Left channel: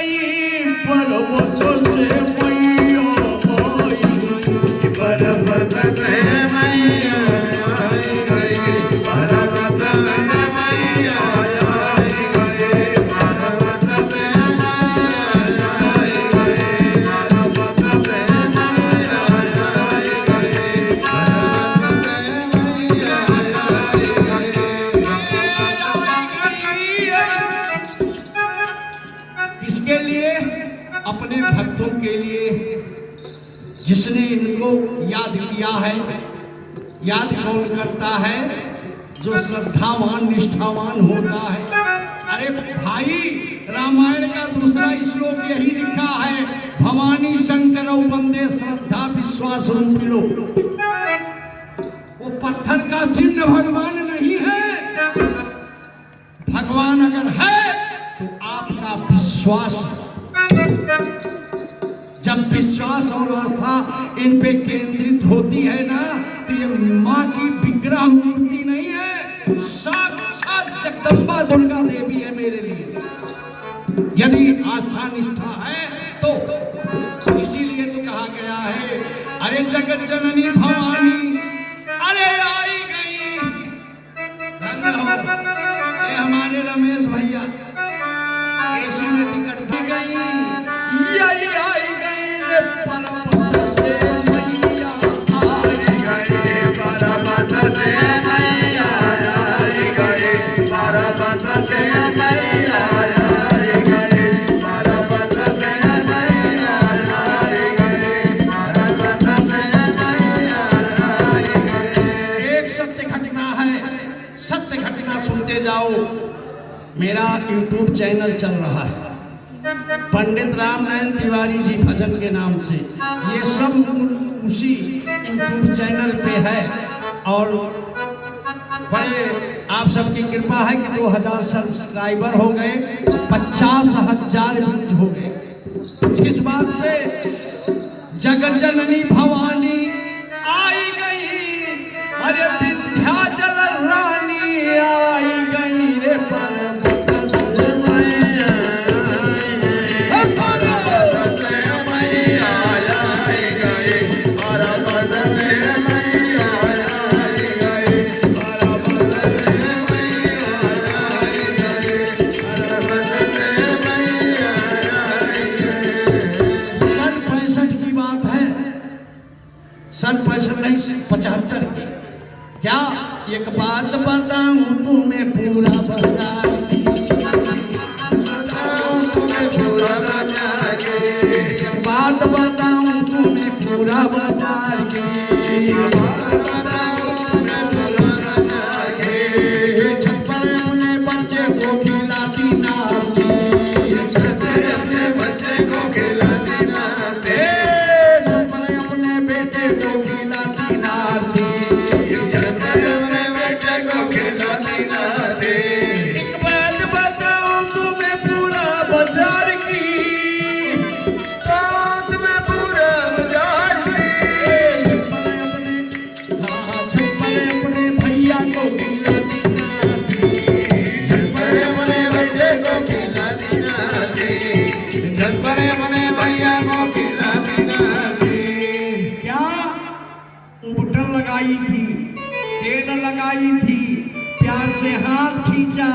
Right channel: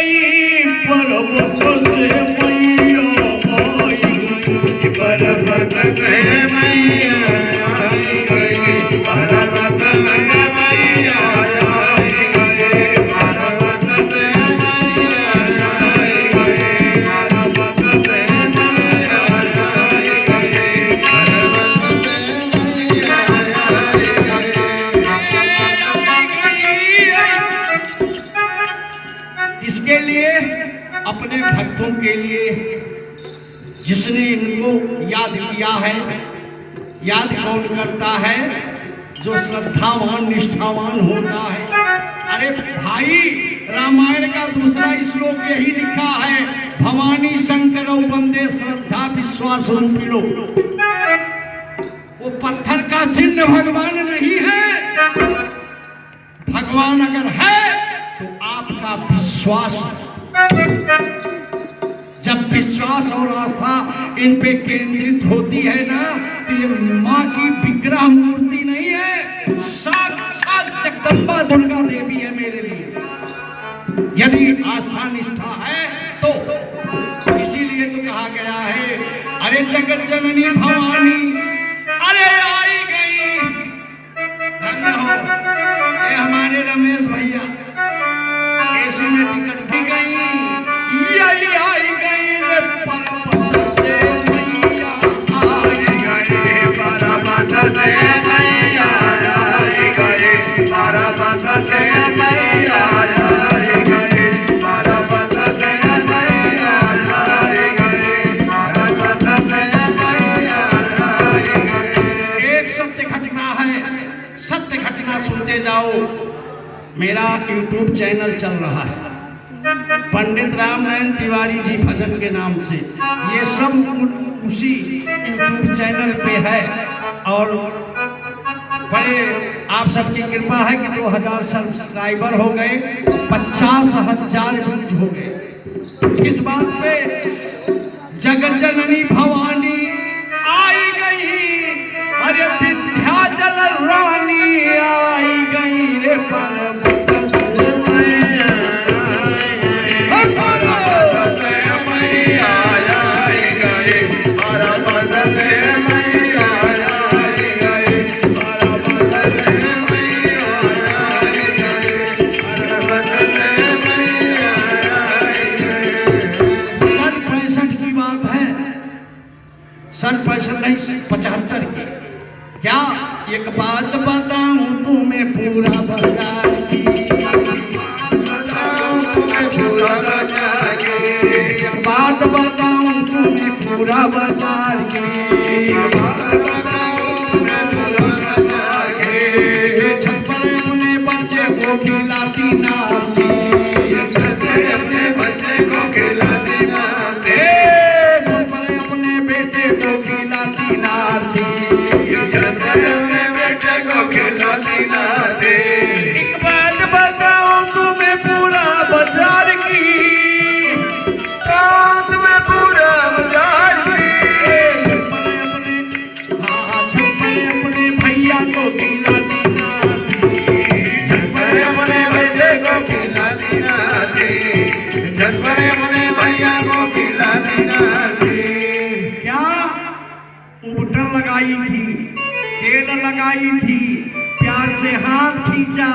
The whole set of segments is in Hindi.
गई पर्वत से मैया आई गई, पर्वत से मैया आई गई, पर्वत से मैया आई गई, पर्वत से मैया आई गई, पर्वत से मैया आई गई। इसके लिए अपने भक्तों के लिए जिसने इनको याद किया है, याद कौन करता है? जो श्रद्धावान निष्ठावान होता है। अरे भाई, रामायण का दूसरा श्लोक यही लिखा है, भवानी शंकर वंदे श्रद्धा विश्वास रूपिणो। वो पत्थर का चिन्ह भगवान नहीं है, भगवान अगर है तो आपका विश्वास है। जब विश्वास और आस्था इन पे केंद्रित होती है ना, तो ये माँ की विग्रह मूर्ति नहीं है, साक्षात जगदम्बा दुर्गा देवी है मेरे लिए। यदि आस्था निष्ठा है तो इसीलिए तो कहा गया है, अरे जगत जननी भवानी अरे आई गई। धन्य हो ये हमारे रमेश भैया, एसी में टिकट दी गई, यही आई गई रे पर्वत से मैया आई गई, पर्वत से मैया आई गई, पर्वत से मैया आई गई, पर्वत से मैया आई गई, पर्वत से मैया आई गई। एक सत्य घटना है, सत्य घटना सुनते जाओ। मेरा YouTube चैनल चल रहा है पंडित रामनारायण तिवारी जी भजन के नाम से, ये सब उसी YouTube चैनल पे है। और बड़े आप सबकी कृपा है कि 2000 सब्सक्राइबर हो गए, 50,000 व्यूज हो गए। किस बात पे? जगत जननी भवानी आई गई, अरे विंध्याचल रानी आई गई रे पर्वत से मैया आई गई, पर्वत से मैया आई गई, पर्वत से मैया आई गई, पर्वत से मैया आई गई, पर्वत से मैया आई गई। सन 65 की बात है, सन 65 नहीं 75 की। क्या एक बात बताऊं तुम्हें पूरा बाजार की, एक बात बताऊं तुम्हें पूरा बाजार की, छप्पर अपने बच्चे को खिलाती नाती, अपने बच्चे को खिलाती नाती, छप्पर अपने बेटे को खिलाती नाती, एक बात बताऊं तुम्हें पूरा बाजार की, तुम्हें पूरा बाजार की, छप्पर अपने भैया को खिलाती नाती, छप्पर अपने बेटे को खिलाती नाती, छप्पर अपने भैया को खिलाती नाती। क्या बटन लगाई थी, तेल लगाई थी, प्यार से हाथ खींचा,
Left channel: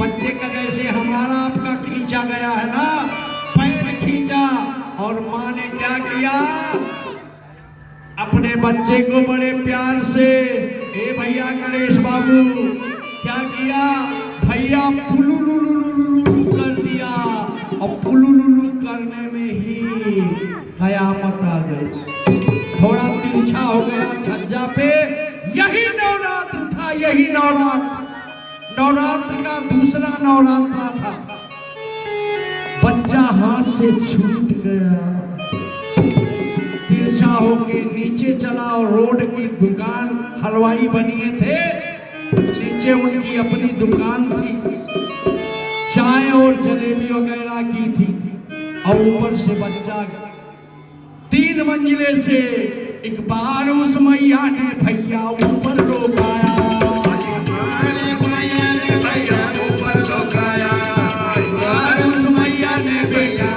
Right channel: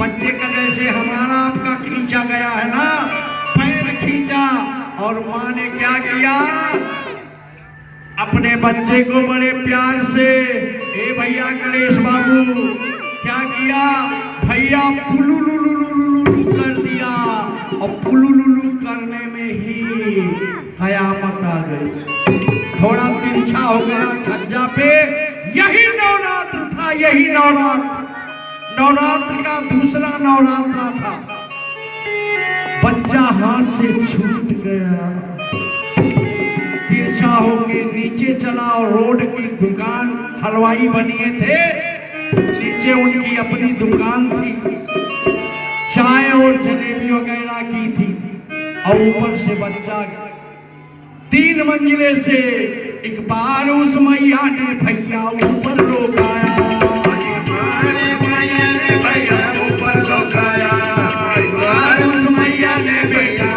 बच्चे का जैसे हमारा आपका खींचा गया है ना, पैर खींचा, और माँ ने क्या किया? अपने बच्चे को बड़े प्यार से, ए भैया गणेश बाबू, क्या किया? भैया पुलुलुलुलुलु कर दिया, और पुलुलुलु करने में ही कयामत आ गई। थोड़ा तिरछा हो गया छज्जा पे। यही नवरात्र था, यही नवरात्र, नवरात्र का दूसरा नवरात्र था। बच्चा हाथ से छूट गया, तिरछा होके नीचे चला, और रोड की दुकान, हलवाई बनिए थे, नीचे उनकी अपनी दुकान थी, चाय और जलेबी वगैरह की थी, और ऊपर से बच्चा 3 मंजिले से एक बार उस मैया ने भैया ऊपर लोकाया, भैया ऊपर लोकाया, उस मैया ने बेटा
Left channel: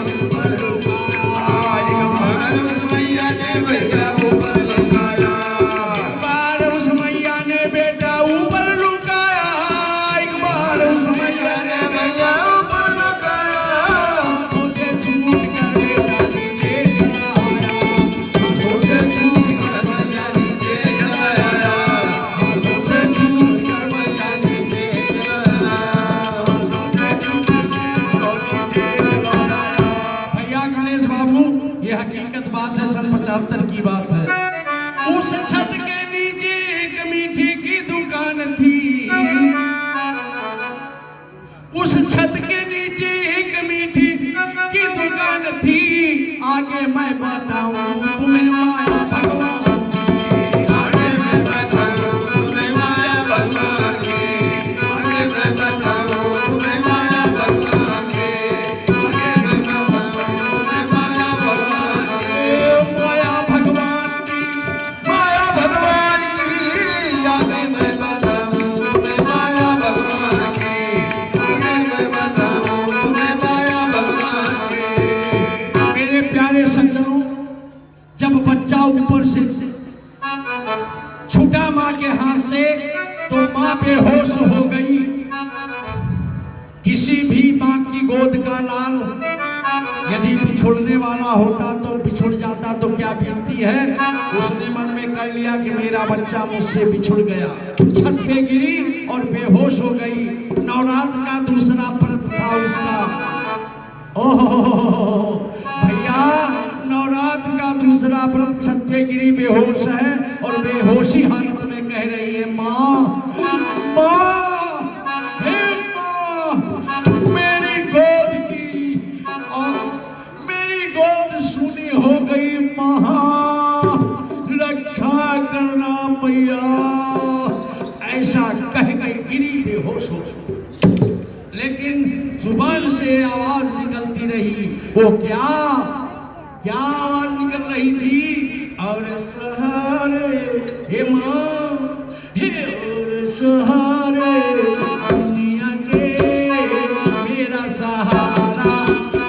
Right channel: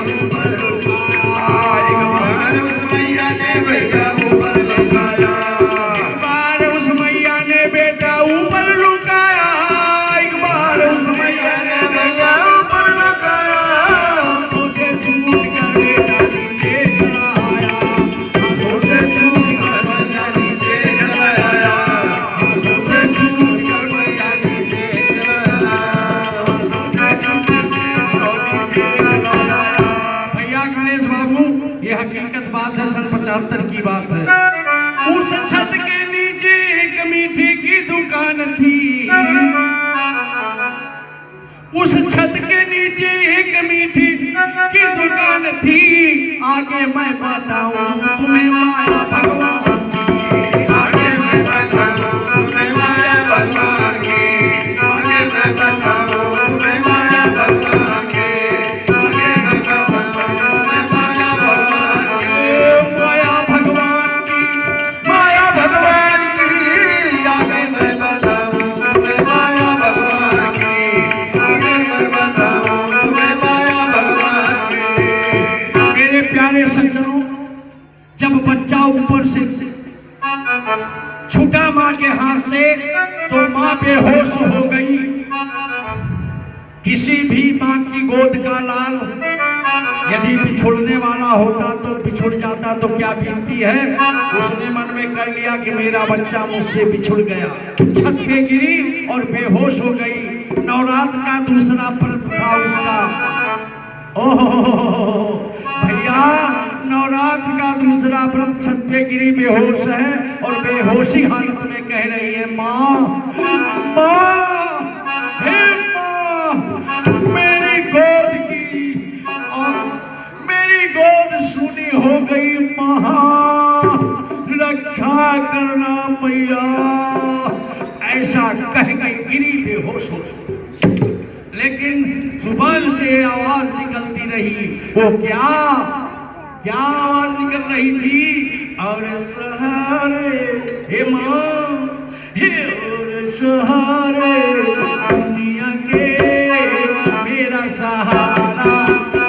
1975 की बात है। उस छत के नीचे एक मीठे की दुकान थी। उस छत के नीचे एक मीठी की दुकान थी। आगे मैं बताऊं तुम्हें माया भगवान की। आगे मैं बताऊं तुम्हें माया भगवान की। आगे मैं बताऊं तुम्हें माया भगवान की। आगे मैं बताऊं तुम्हें माया भगवान की। माया भगवान की, माया भगवान की। आगे मैं बताऊं तुम्हें माया भगवान की। आगे मैं बताऊं तुम्हें माया भगवान की। मेरे प्यारे सज्जनों, जब बच्चा ऊपर से छूटा मां के हाथ से तो मां बेहोश हो गई। किसी भी मां की गोद का लाल यदि बिछुड़ने वाला होता तो बिछुड़ जाता तो क्या बीतती है। उसने मन में कर लिया कि मेरा बच्चा मुझसे बिछुड़ गया। छत पे गिरी और बेहोश हो गई। नवरात्र का दूसरा व्रत था उसका। ओह भैया, नवरात्र का दूसरा व्रत, छत पे गिरी बेहोश है और बेहोशी हालत में कह रही है, माँ माँ, हे माँ, मेरी गोद की और मेरी गोद सूनी हो गई। माँ रक्षा करना मैया। ऐसा कह के गिरी बेहोश हो गई। लेकिन जुबान से आवाज निकलती रही। वो क्या क्या आवाज निकल रही थी? और सहारे हे मां, हे और सहारे दुनिया के मेरा सहारा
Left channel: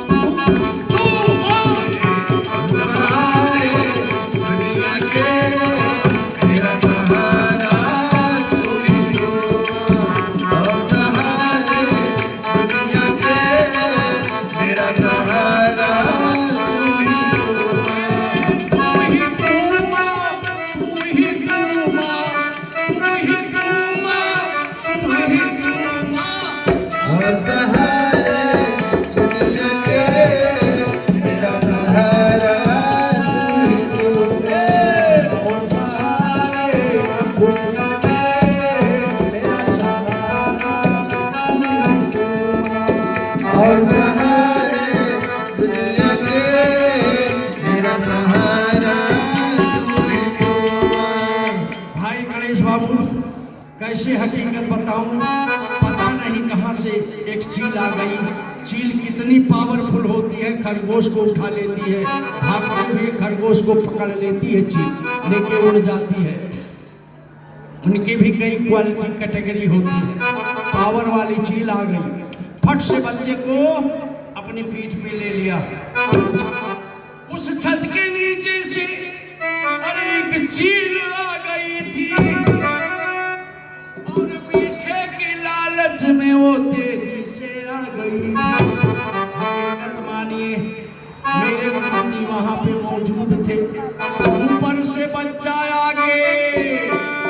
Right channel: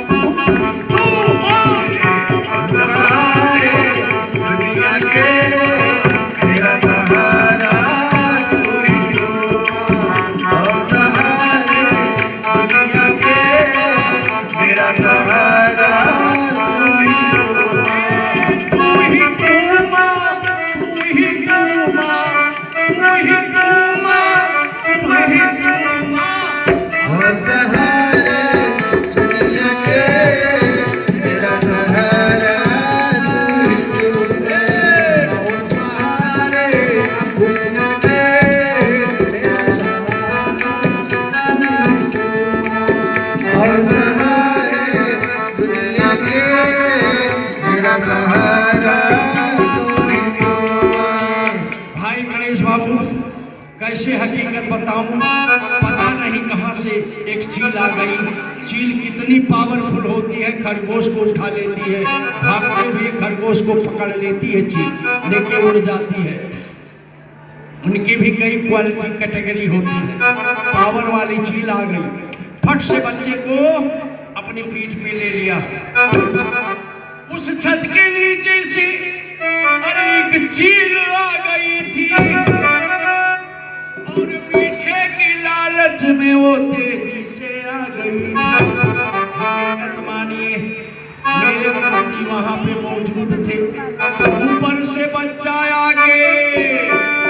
तू सहारे दुनिया के मेरा सहारा तू ही हो। और सहारे दुनिया के मेरा सहारा कैसे हकीकत बताऊं, पता नहीं कहां से एक चील आ गई। चील कितनी पावरफुल होती है, खरगोश को उठा लेती है, भागते हुए खरगोश को पकड़ लेती है, चील लेके उड़ जाती है। उनकी भी कई क्वालिटी कैटेगरी होती है। पावर वाली चील आ गई, फट से बच्चे को अपनी पीठ पे ले लिया। उस छत के नीचे से अरे एक चील आ गई थी और मीठे की लालच में वो तेजी से आ गई। हकीकत मानिए, मेरे गुरुजी वहां पे मौजूद थे। ऊपर से बच्चा आगे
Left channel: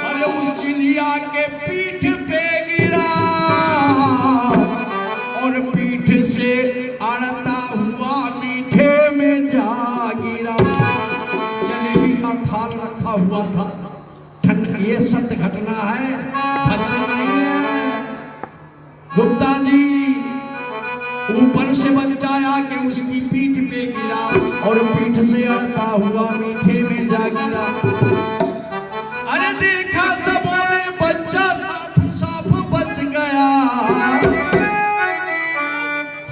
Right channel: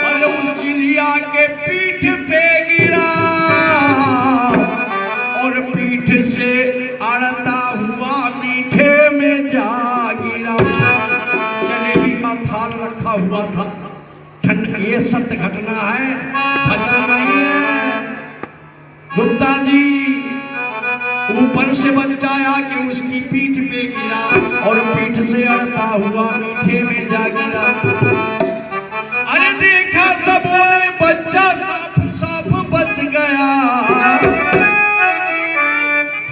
और उस चिड़िया के पीठ पे गिरा और पीठ से अड़ता हुआ मीठे में जा गिरा। जलेबी का थाल रखा हुआ था। ठंड, ये सत्य घटना है, भजन नहीं है। गुप्ता जी, ऊपर से बच्चा आके उसकी पीठ पे गिरा और पीठ से अड़ता हुआ मीठे में जा गिरा। अरे देखा सबों ने, बच्चा साफ साफ बच गया।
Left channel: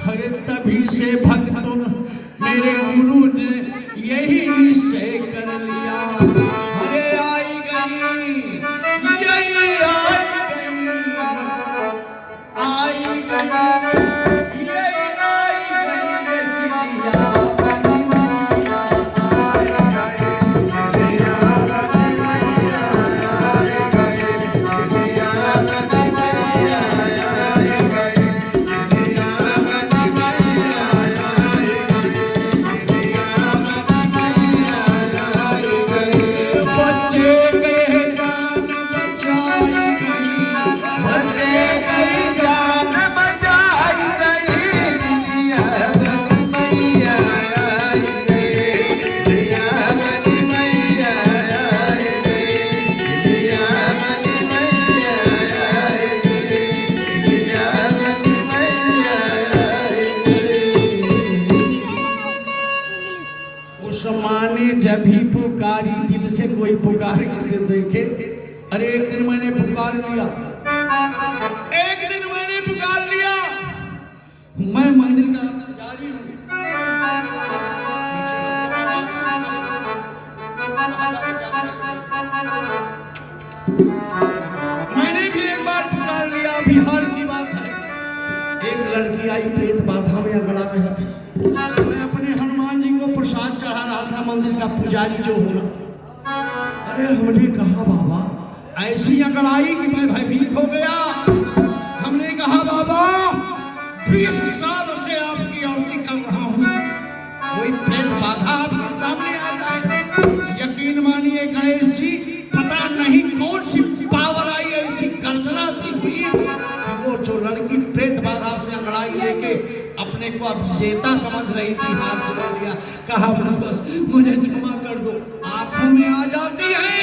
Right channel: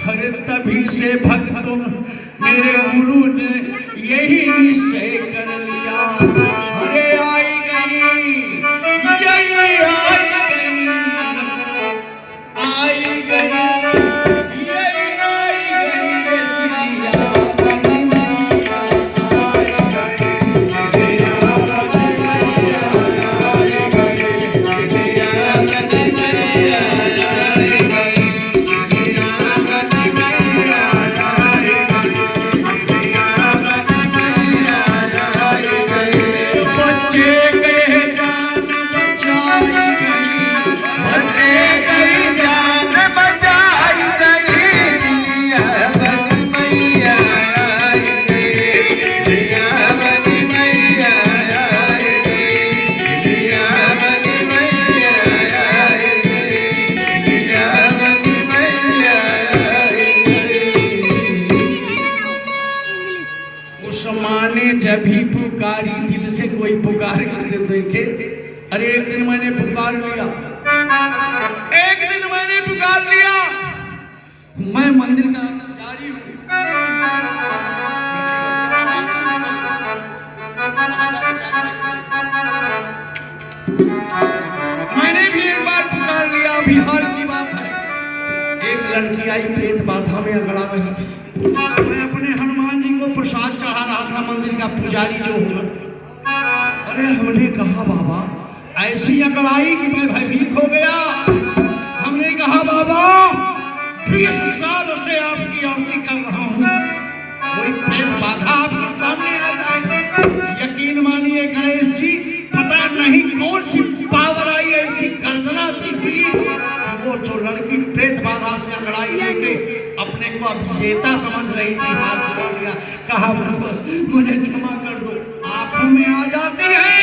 अरे तभी से भक्तों, मेरे गुरु ने यही निश्चय कर लिया। अरे आई गई, यही आई गई, यही आई गई रे चिड़िया बनी मैया। आई गई चिड़िया बनी मैया, आई गई चिड़िया बनी मैया, आई गई चिड़िया बनी मैया, आई गई चिड़िया बनी मैया, आई गई। जब भी पुकारी, दिल से कोई पुकार के देखे। अरे एक दिन मैंने पुकार लिया, एक दिन मैंने पुकार लिया, मैं मंदिर का पुजारी हूं। मैंने भी एक बार पुकार लिया, बिहार की बात है। एक लड़की आई, प्रेत बाधा में अगड़ा रही थी। मैं अपने हनुमान जी को प्रसाद चढ़ा रहा था, मंदिर का पुजारी जो हूं। अरे हमने कहा बाबा ऐसी अगड़ाई कि मैं भयभीत हो गया। हमने कहा बाबा 20 साल से आपकी आरती कर रहा हूं, कोई प्रेत बाधा आपके सामने आ जाए। यकीन मानिए गणेश जी, पता नहीं कौन सी पावर आई, ऐसी गर्जना सी हुई कि वो जो लड़की प्रेत बाधा से अंगड़ाई लेके अपने को अब विजेता समझ रही थी, हाथ जोड़ लिया, कहा बस मुझे क्षमा कर दो। आंखों में आ जाती है,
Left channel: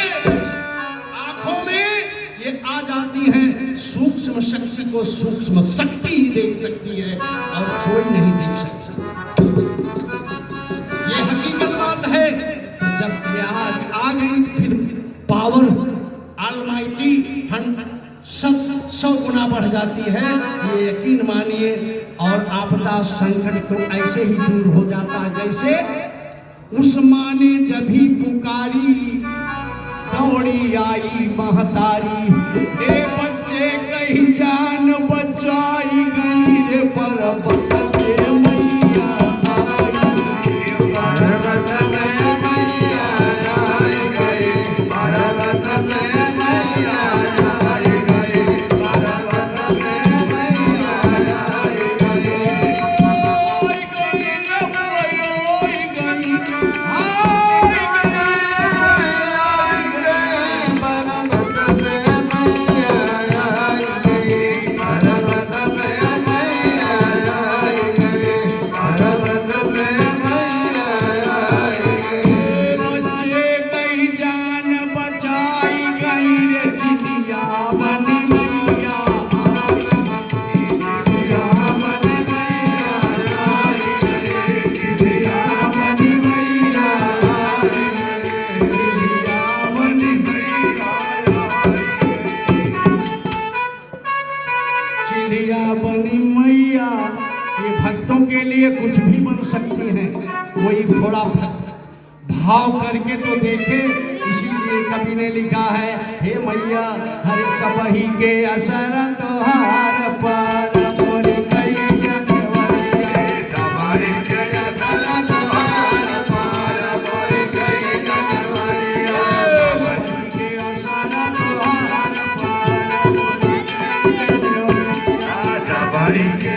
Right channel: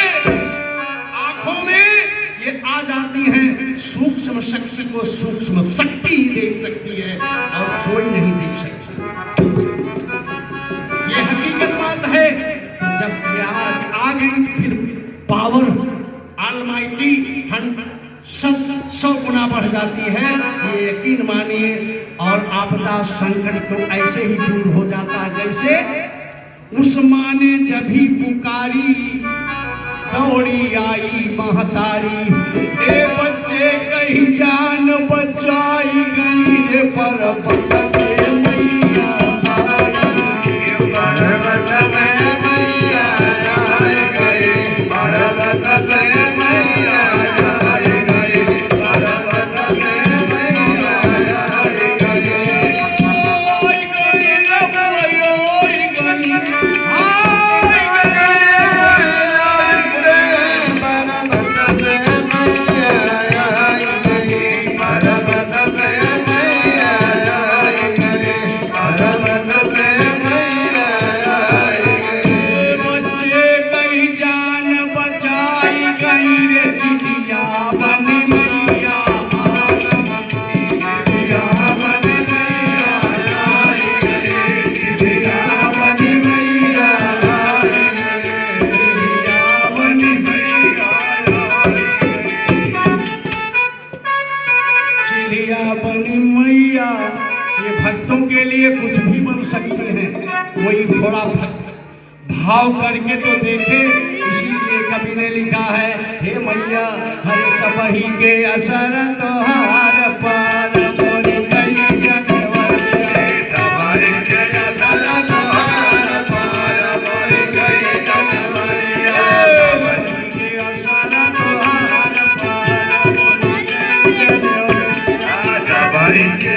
आंखों में ये आ जाती है। सूक्ष्म शक्ति को सूक्ष्म शक्ति ही देख सकती है और कोई नहीं देख सकती। ये हकीकत बात है। जब याद आ गई तो फिर पावर ऑलमाइटी 100 गुना बढ़ जाती है, ये यकीन मानिए। और आपदा संकट तो ऐसे ही दूर हो जाता है जैसे उस माँ ने जब भी पुकारी, दौड़ी आई महतारी। ए बच्चे कहीं जान बचाई गई रे पर्वत से मैया कुछ भी बन सकते हैं। कोई थोड़ा भाव करके तो देखे, इसीलिए कवि ने लिखा है, हे मैया हरे सबही के असर तोहार पार मोरी कई जनवरिया। सबही के असर तोहार पार मोरी कई जनवरिया। सबही के असर तोहार पार मोरी कई जनवरिया। सबही के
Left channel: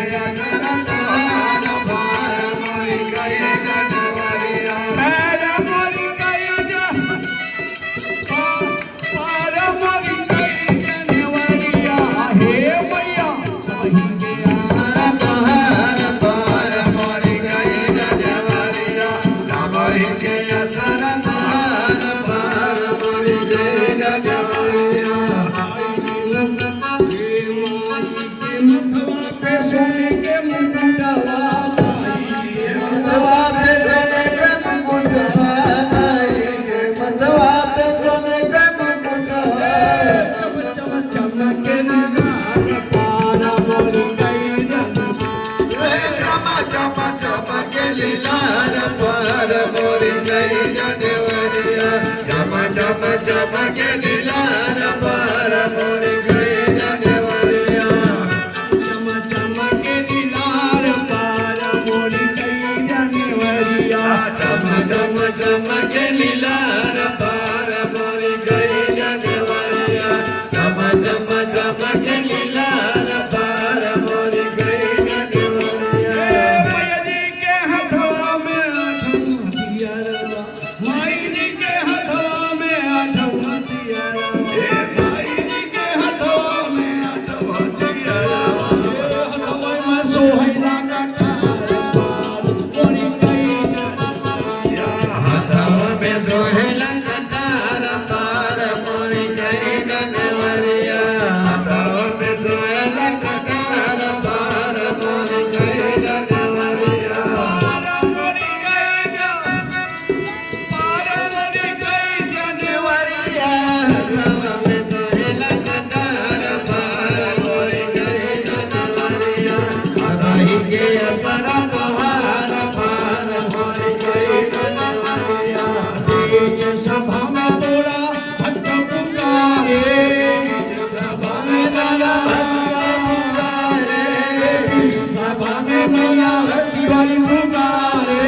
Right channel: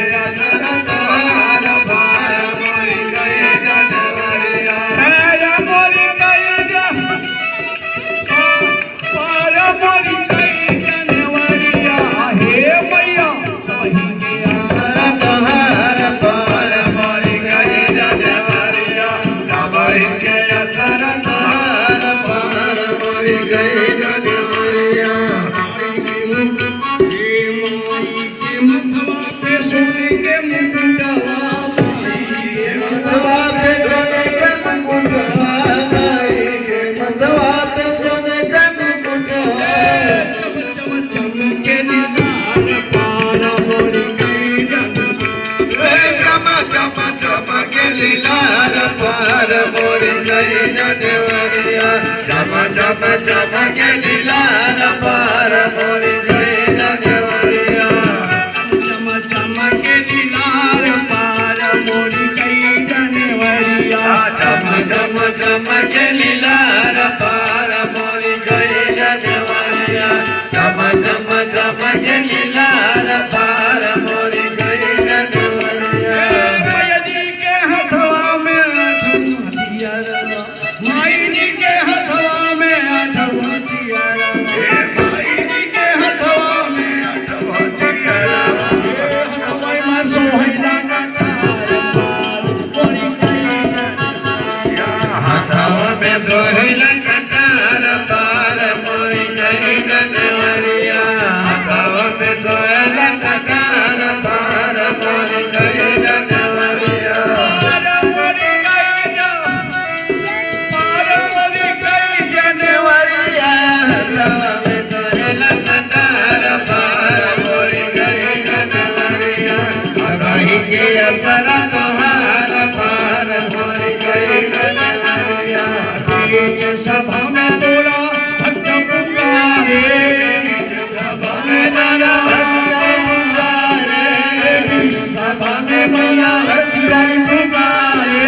मैया तिवारी पुकारे,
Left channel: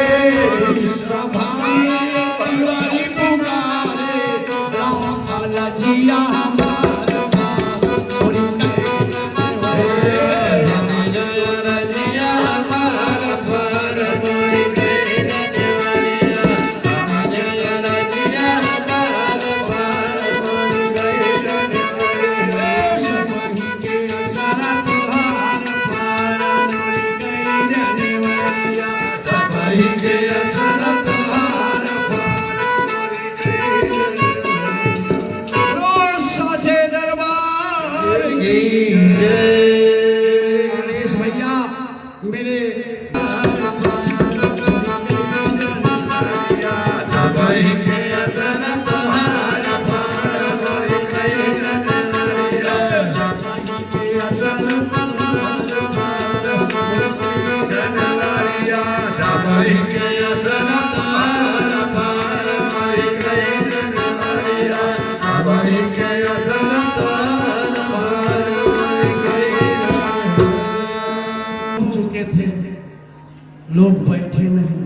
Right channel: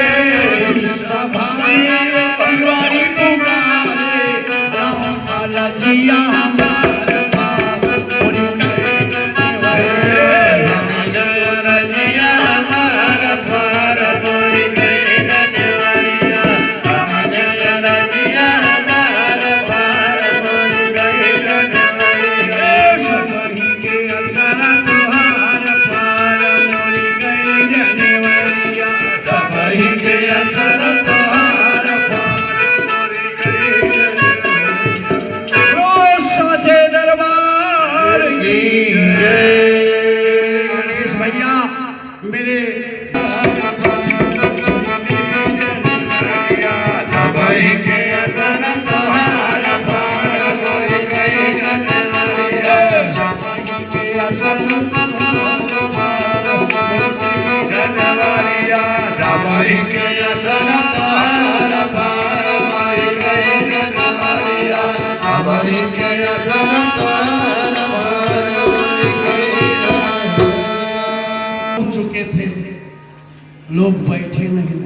सभा में तिवारी पुकारे, रामपाल जिया हमार पार मोरी गए रजिया हमार पार मोरी गए रजिया हमार पार मोरी गए सबही के असर तुहार पार मोरी गए जनवरिया सबही के असर तुहार पार मोरी गए रोज साचे दरबार की गणेश भैया मेरे सबही के असर तुहार पार मोरी गए जनवरिया सबही के असर तुहार जनवरिया सबही के असर तुहार पार मोरी गए जनवरिया सबही के असर तुहार पार मोरी गए चुके थे लोग बैठे नहीं